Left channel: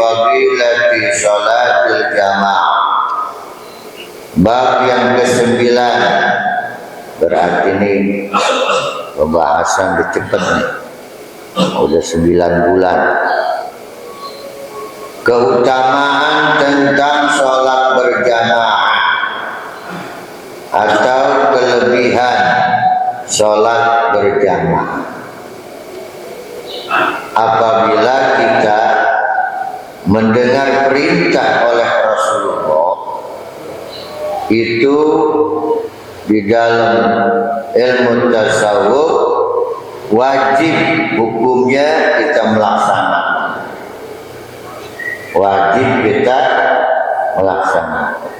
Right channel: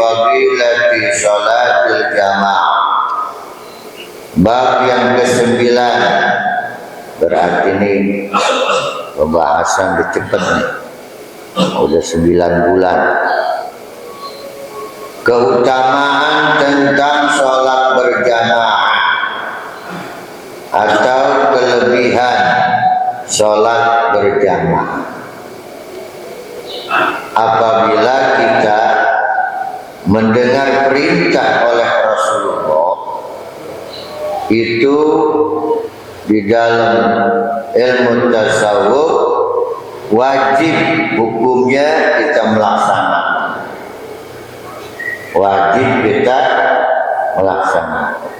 fadilati salatil jamaah. Bab yang ke-9. Berarti ini pembahasan cepat nih. Udah 9 bulan. Keutamaan tentang sholat berjamaah atau kelebihan sholat berjamaah. Apabila kita mendengar perintah oleh Rasulullah, itu di dalam ilmu tasawuf wajib hukumnya kita melaksanakan. Wajib kita melaksanakan.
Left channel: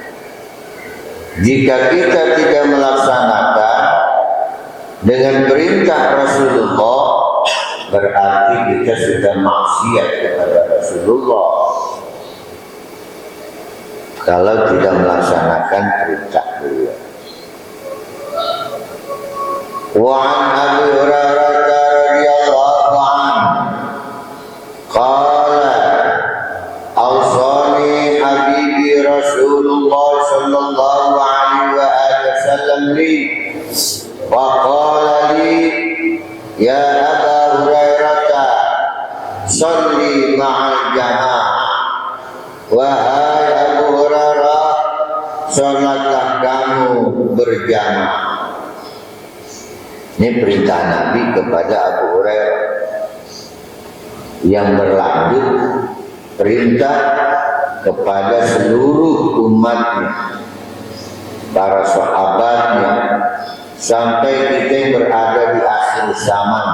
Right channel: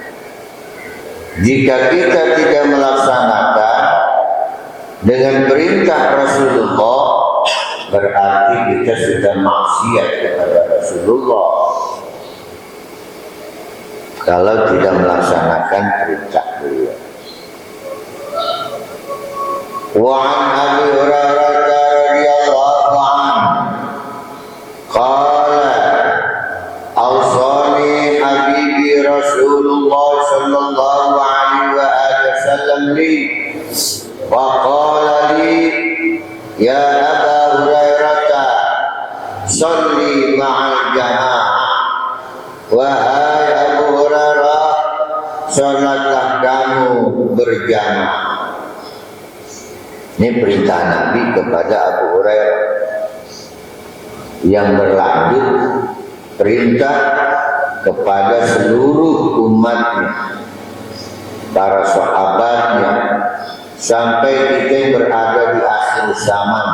Jika kita tidak melaksanakan dengan perintah Rasulullah, berarti kita sudah maksiat kepada Rasulullah kalau tidak melaksanakan perintah beliau. Wa an Abi Hurairah radhiyallahu anhu qala awsani habibi Rasulullah sallallahu alaihi wa wasallam li wa qala li ya Aba Hurairah sholli ma'al jamaah. Wahai Abu Hurairah, sholatlah kamu berjamaah. Ini perintah Nabi kepada Abu Hurairah yang berlanjut perintah kepada seluruh umatnya, para sahabatnya, sampai kita yang berada di akhir zaman.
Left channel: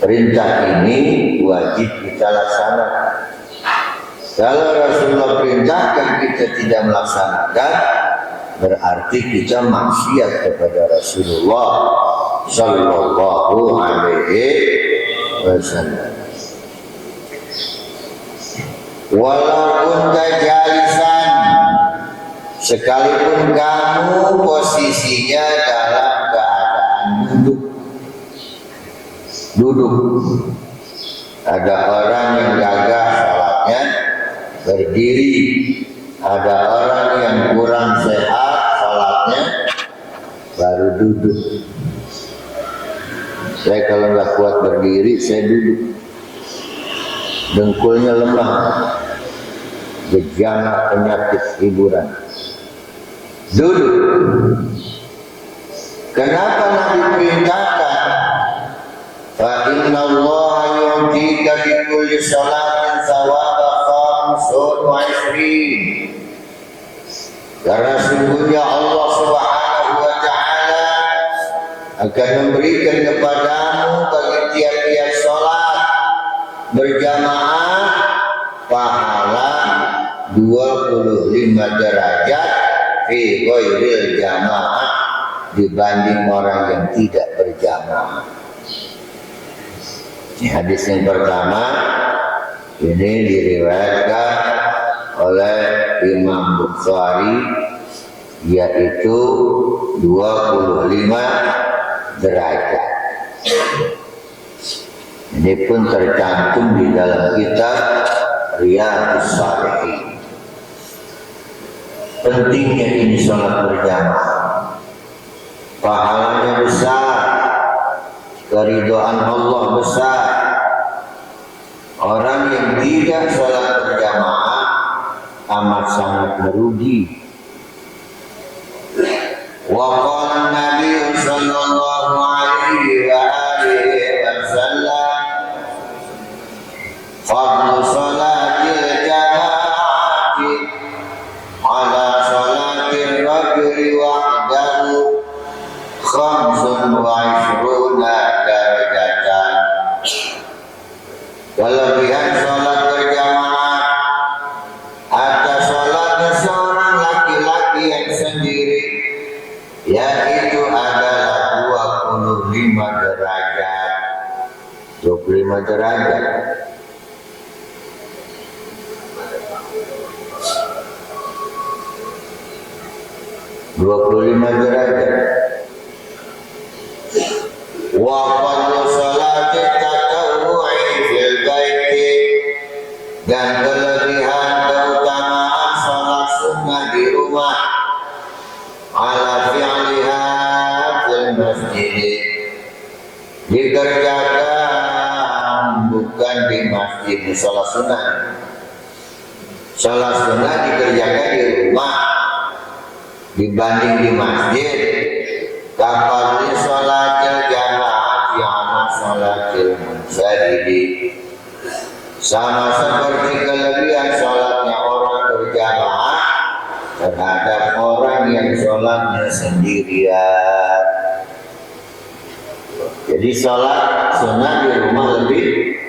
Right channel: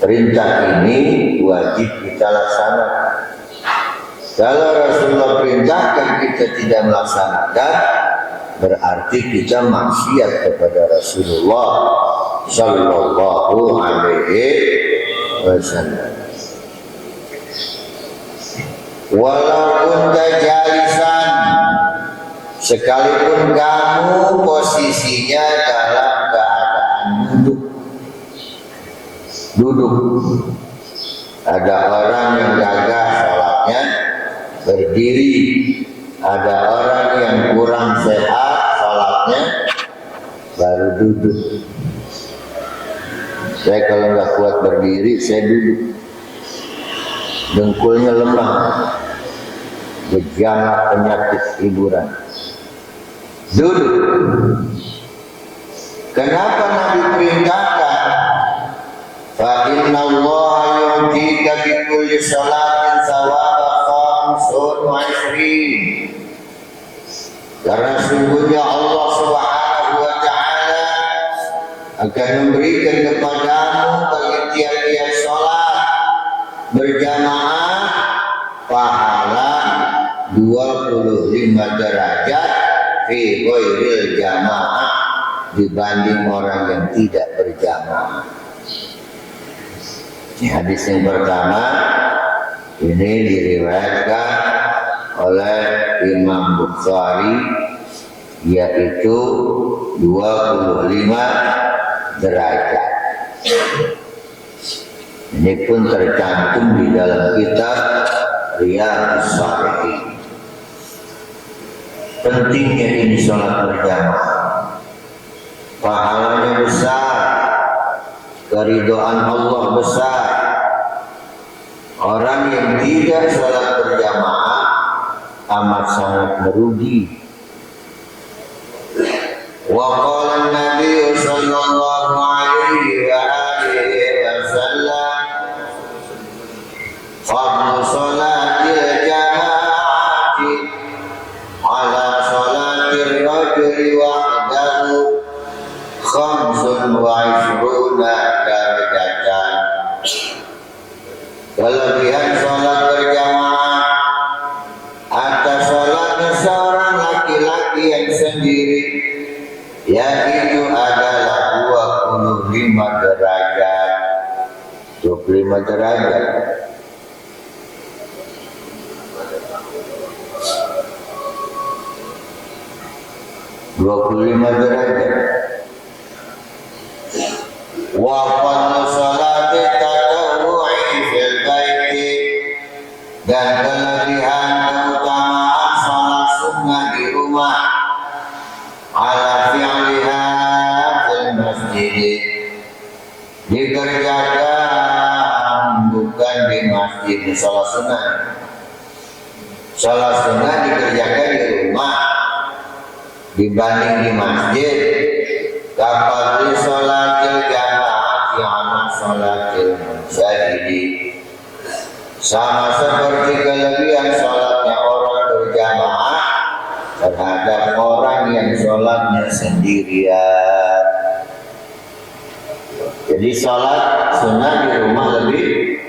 Perintah ini wajib kita laksanakan. Kalau Rasulullah perintahkan kita tidak melaksanakan, berarti kita maksiat kepada Rasulullah sallallahu alaihi wasallam. Walaupun jalisan, sekalipun kamu posisinya dalam keadaan duduk. Ada orang yang jaga sholatnya berdiri, ada orang yang kurang sehat sholatnya baru duduk. Saya kalau nggak kuat berdiri, saya duduk. Dengkulnya lemah, gejala penyakit hiburan. Duduk. Kenapa Nabi perintahkan? Fa inna Allah yu'tika bi kulli sholatin thawaba khamsun wa ishrin. Karena sungguhnya Allah Subhanahu wa ta'ala akan memberikan kepadamu bagi tiap-tiap sholat berjamaah pahala 25 derajat fi ghairil jamaah dibanding orang yang tidak berjamaah. Hadis yang pertama ini diriwayatkan oleh Imam Bukhari, yaitu 25 derajat. Ini pun tercantum di dalam kitab Riyadhus Shalihin. Pentingnya ini sholat berjamaah, pahalanya besar, keridhaan Allah besar. Orang yang tidak sholat berjamaah amat sangat merugi. Wa qala Nabi sallallahu alaihi wa alihi wasallam fadlu sholatil jamaati ala sholatir rajuli wahdahu khamsun wa ishruna darajatan. Kelebihan sholat berjamaah atas sholatnya seorang laki-laki yang sendiri, yaitu adalah 25 derajat. 25 derajat. Wa fadlu salati tatawwu'i fil baiti dan kelebihan keutamaan sholat sunnah di rumah ala fi'liha fil masjid, dikerjakan bukan di masjid. Sholat sunnah dikerjakan di rumah dibanding di masjid. Kapal di sholatil jamaah ala sholatil munsharidi, sama seperti kelebihan sholatnya orang berjamaah terhadap orang yang sholatnya sendirian. Jadi sholat sunnah di rumah lebih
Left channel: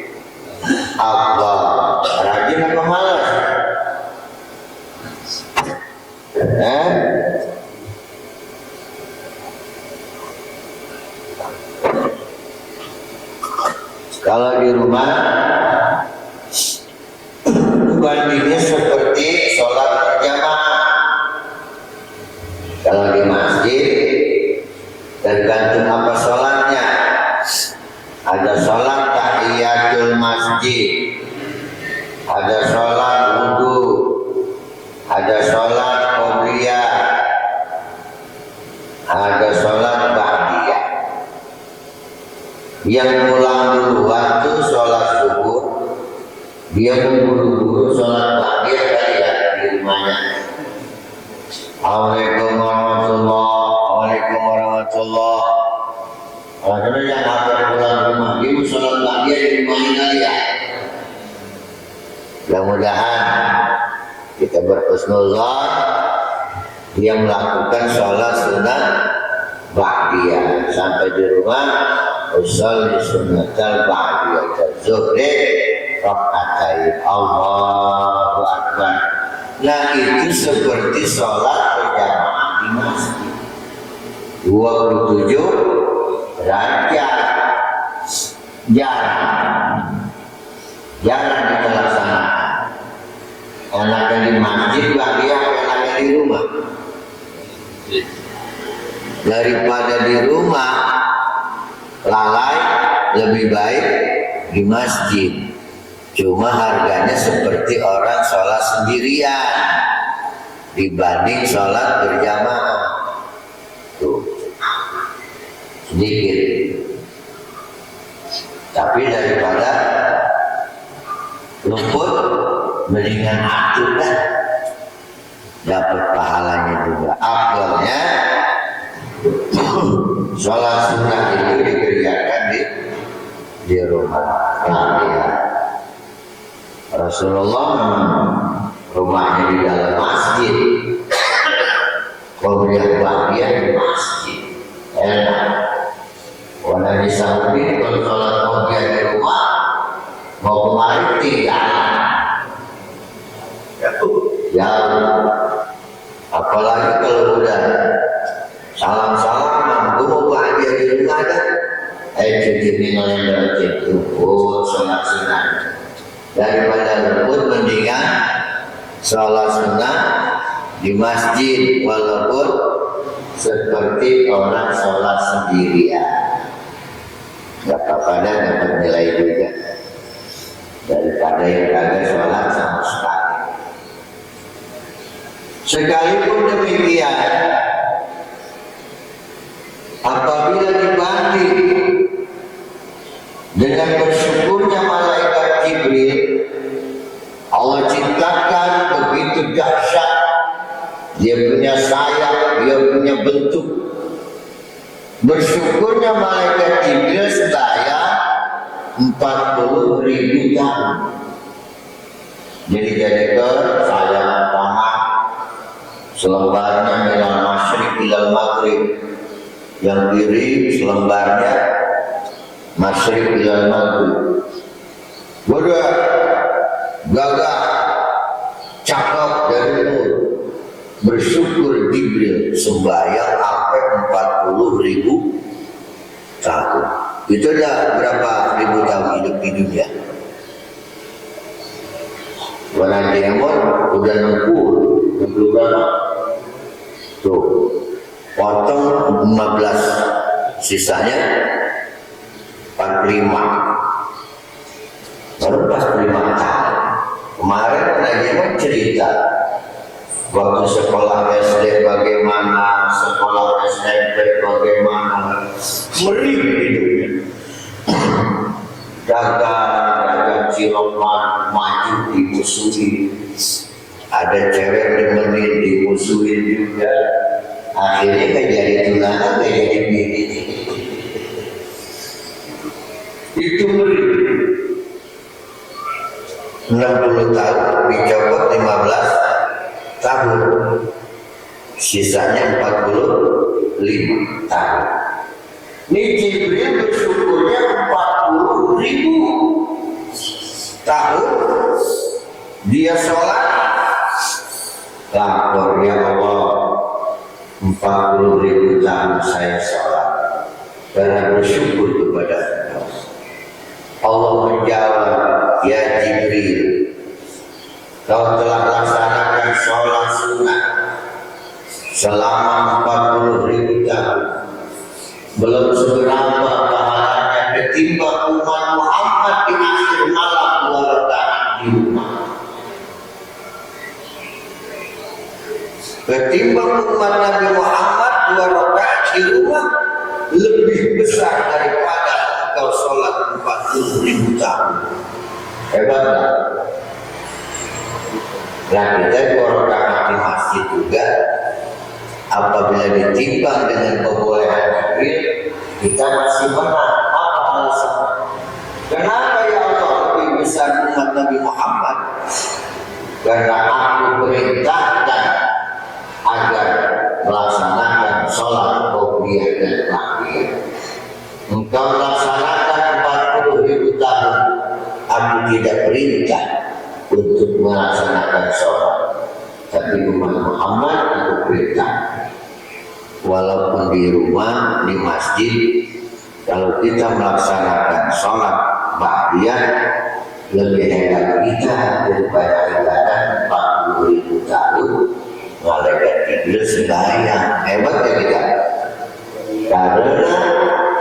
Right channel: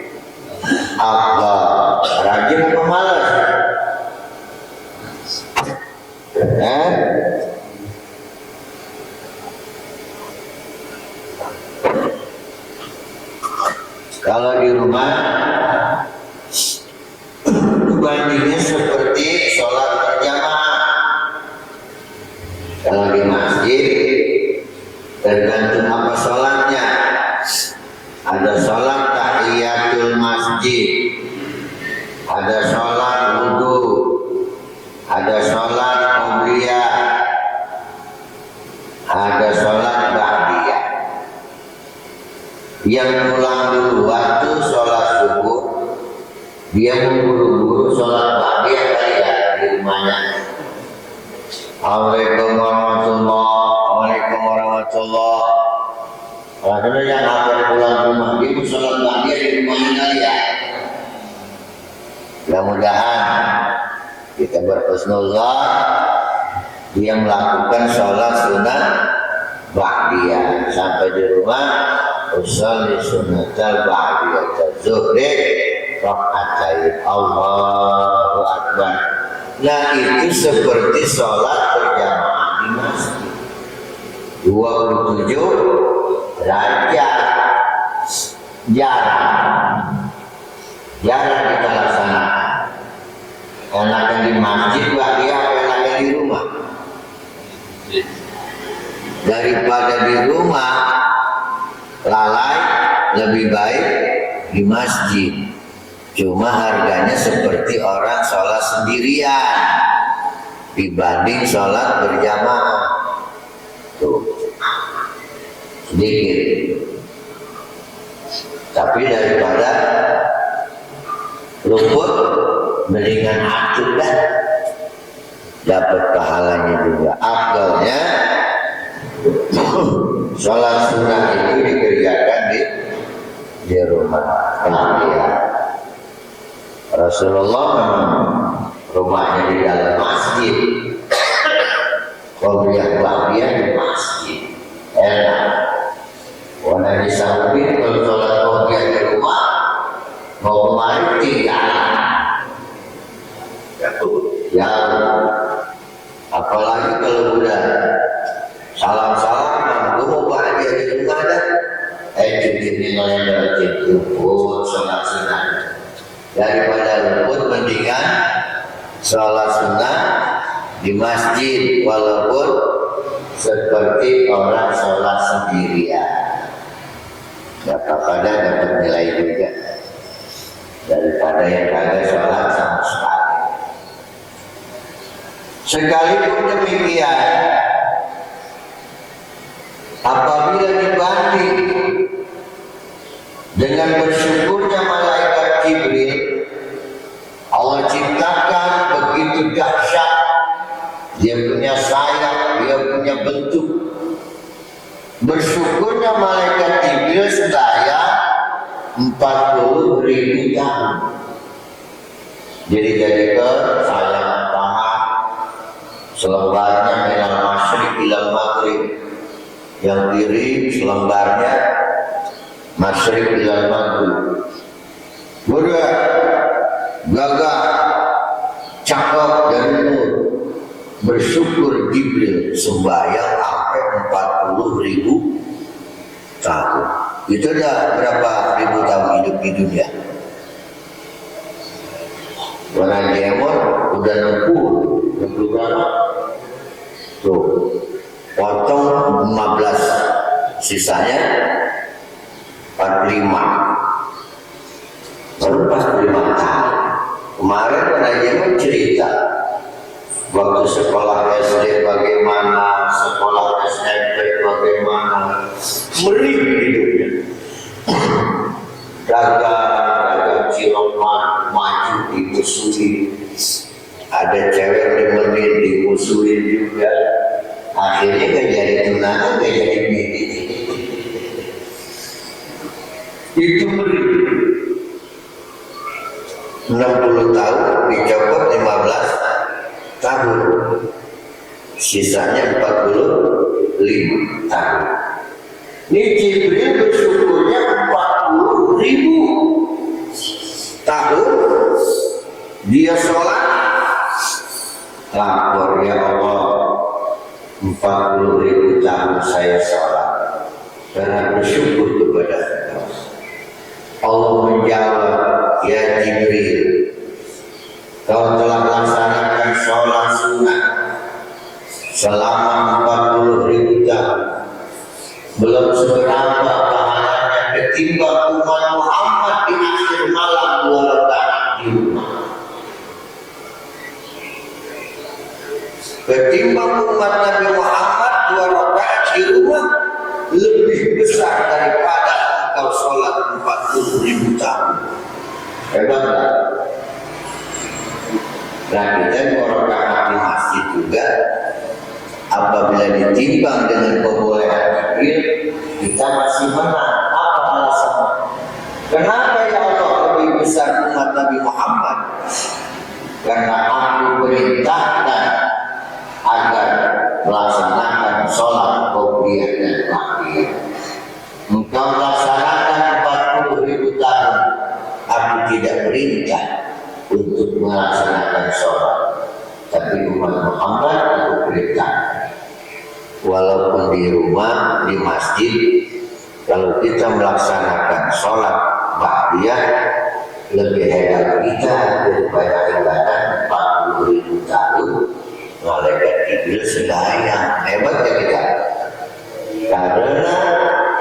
afdal. Rajin apa malas? Kalau di rumah bandingnya seperti sholat berjamaah. Kalau di masjid tergantung apa sholatnya. Ada sholat tahiyatul masjid, ada sholat wudhu, ada sholat qobliyah, ada sholat ba'diyah. Yang pulang duluan tuh sholat subuh, dia memburu-buru sholat ba'diyah kali ya di rumahnya. Assalamualaikum warahmatullahi. Akhirnya yang akan pulang rumah dia sholat ba'diyah di rumahnya kali ya. Mudah-mudahan kita berhusnuzan dia melakukan sholat sunnah ba'diyah sampai di rumah usolli sunnatal ba'diyah zuhri rakaatain Allahu Akbar. Nah itu seperti sholat berjamaah di masjid 27 derajat. Jarang kita laksanakan. Enaknya di masjid ba'diyah, enaknya di rumah. Daripada di rumah lalai, lebih baik di masjid. Cuma harganya seperti orang sholat sendirian dibanding sholat berjamaah. Tuh, sedikit. Tapi daripada luput, mendingan atuh dah. Dapat pahalanya juga. Afdalnya sholat sunnah ini dikerjakan di rumah. Ya. Rasulullah rumahnya di dalam masjid, qobliyah di masjid, enak. Walau di Saudi kalau sholat qobliyah di rumah mau kemarin tidak. Ya, apalagi kalau udah salam-salam, gue mau bahagia di rumah dah. Cuci ngelendar itu, sholat sunnah. Daripada lembut mendingan sholat sunnah di masjid walaupun seperti orang sholat sendirian. Dapat nilai juga daripada yang kagak sholat sama sekali. Sekalipun demikian, apabila dibanding dengan bersyukurnya malaikat Jibril, Allah ciptakan begitu dahsyat. Dia punya sayap, dia punya bentuk. Bersyukurnya malaikat Jibril sedaya 40.000 tahun. Jadi sayap pertama selembarnya minal masyriq ilal maghrib, yang kiri selembarnya masyriq ilal maghrib. Budak gagah cakep dari itu bersyukur Jibril sembahyang sampai 40.000 tahun. Itu udah berapa ribu tahun hidup di dunia? Orang Demon udah 60 berapa? Tuh, potong 15, sisanya 45. Baru pas 5 tahun. Waktu sekolah SD bagaimana, sekolah SMP bagaimana, meri hidupnya. Dagang cilok maju dimusuhin, ada cewek nemenin dimusuhin juga. Akhirnya gak jadi tunangan, gak jadi bini. Itu meri. 60 tahun dicopot 15 tahun, sisanya 45 tahun. Ini Jibril bersyukurnya 40.000 tahun dia sholat. Lapor, ya Allah, 40.000 tahun saya sholat karena bersyukur kepada Allah. Allah menjawab, ya Jibril, kau telah laksanakan sholat sunnah selama 40.000 tahun, belum seberapa pahalanya ketimbang umat Muhammad di akhir malam 2 rakaat di rumah. Ketimbang umat Nabi Muhammad 2 rakaat di rumah lebih besar daripada engkau sholat 40.000 tahun. Hebat tak? Nah, kita 2 rakaat di masjid juga, apabila ditimbang dengan kebolehan Jibril, kita masih menang. Apa alasannya? Kenapa ya Allah lebih besar umat Nabi Muhammad? Karena aku perintahkan agar melaksanakan sholat qobliyah dan ba'diyah. Engkau laksanakan 40.000 tahun, aku tidak perintah untuk melaksanakan sholat, tapi umat Muhammad aku perintah. Walaupun di rumah, di masjid, kalau kita melaksanakan sholat ba'diyah, lebih hebat kita daripada ibadah 40.000 tahun. Malaikat Jibril sembahyang, hebat ya kita. Karena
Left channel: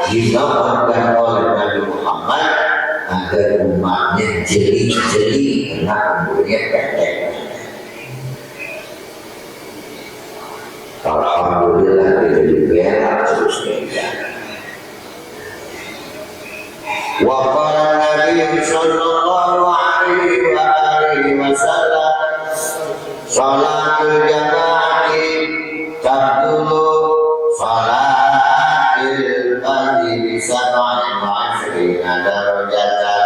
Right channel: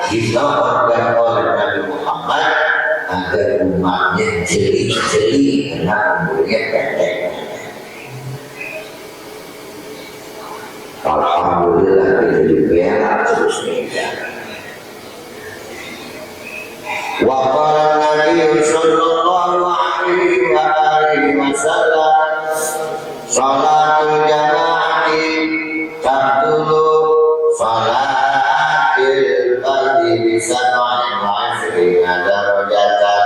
dimakamkan oleh Nabi Muhammad agar umatnya jeli-jeli karena umurnya pendek. Alhamdulillah itu merah terus meja. Wa qala Nabi sallallahu alaihi wasallam, salatul jamaati tabdulu salatil fardhi bi 27 darajatan.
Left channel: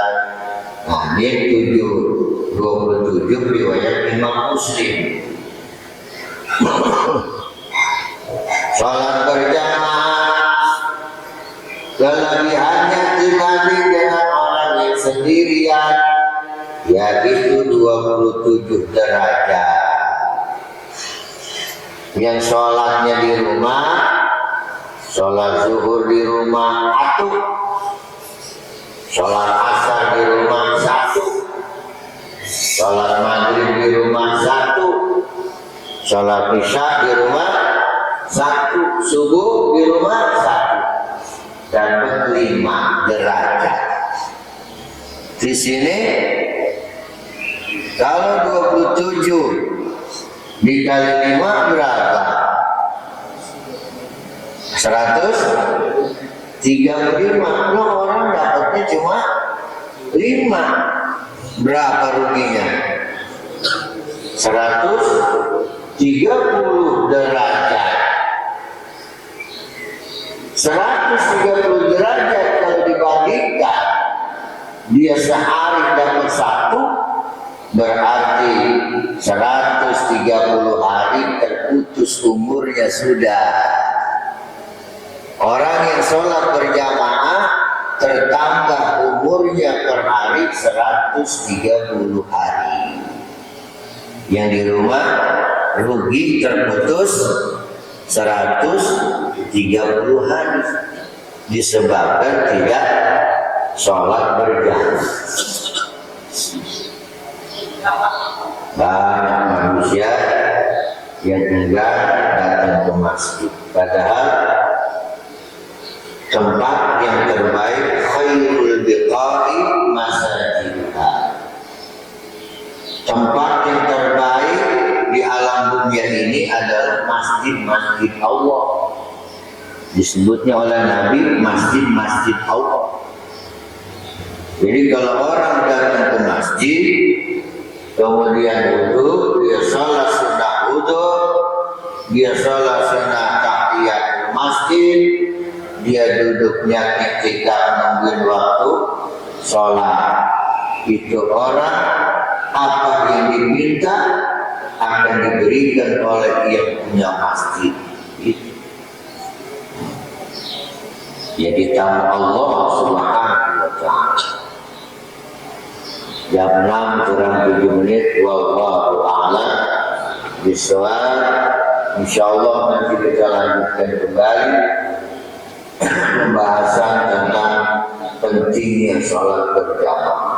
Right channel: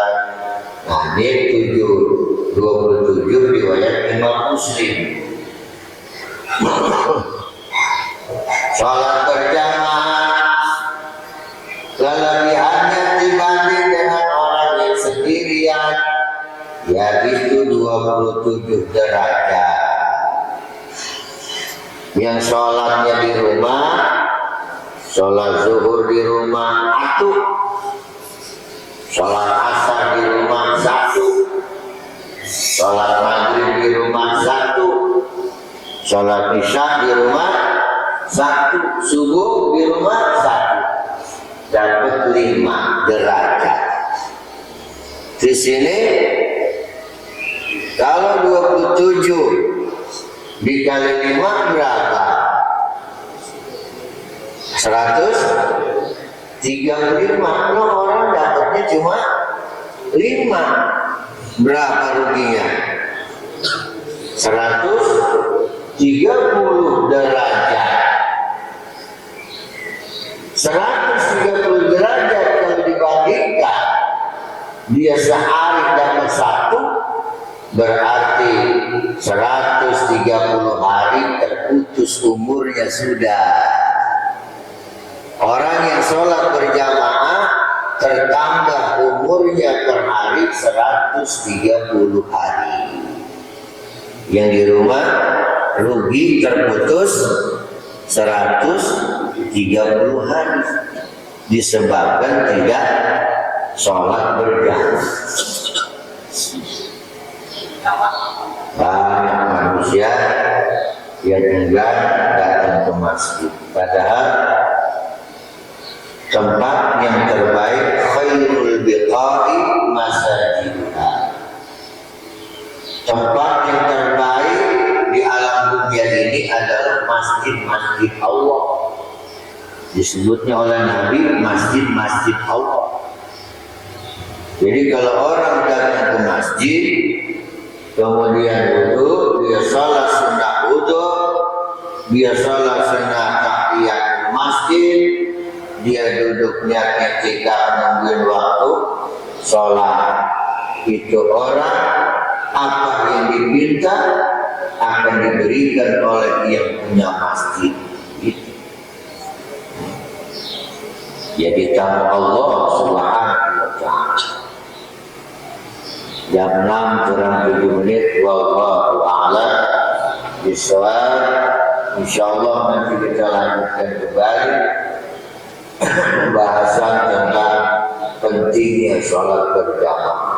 Nah, ini 27 riwayat Imam Muslim. Salat berjamaah kelebihannya dibanding dengan orang yang sendirian, yaitu 27 derajat. Yang sholatnya di rumah, sholat zuhur di rumah 1, sholat asar di rumah 1, sholat maghrib di rumah 1, sholat isya di rumah 1, subuh di rumah 1, dapat 5 derajat. Di sini kalau 27 dikali 5 berapa? 135. Nah, orang dapatnya cuma 5. Berapa rupiah? 130 derajat. 130 derajat kalau dibandingkan dia sehari dapat 1, berarti 130 hari terputus umurnya sudah. Orang yang sholat berjamaah tertambah umurnya per hari 130 hari. Yang di rumah rugi terputus 130 hari disebabkan tidak sholat berjamaah. Banyak manusia yang enggak datang ke masjid, padahal tempat yang terbaik khairul biqa'i masajidha. Tempat yang terbaik di alam dunia masjid-masjid Allah. Disebutnya oleh Nabi masjid-masjid Allah. Jadi kalau orang datang ke masjid, kemudian wudhu, dia salat sunah wudhu, dia salat sunah tahiyat masjid, dia duduknya ketika menungguin waktu sholat. Itu orang apa yang diminta akan diberikan oleh yang punya masjid. Jadi tamu Allah Subhanahu wa ta'ala. Jam 6 kurang 7 menit. Wallahu a'lam bishawab. Insyaallah nanti kita lanjutkan kembali pembahasan tentang pentingnya sholat berjamaah.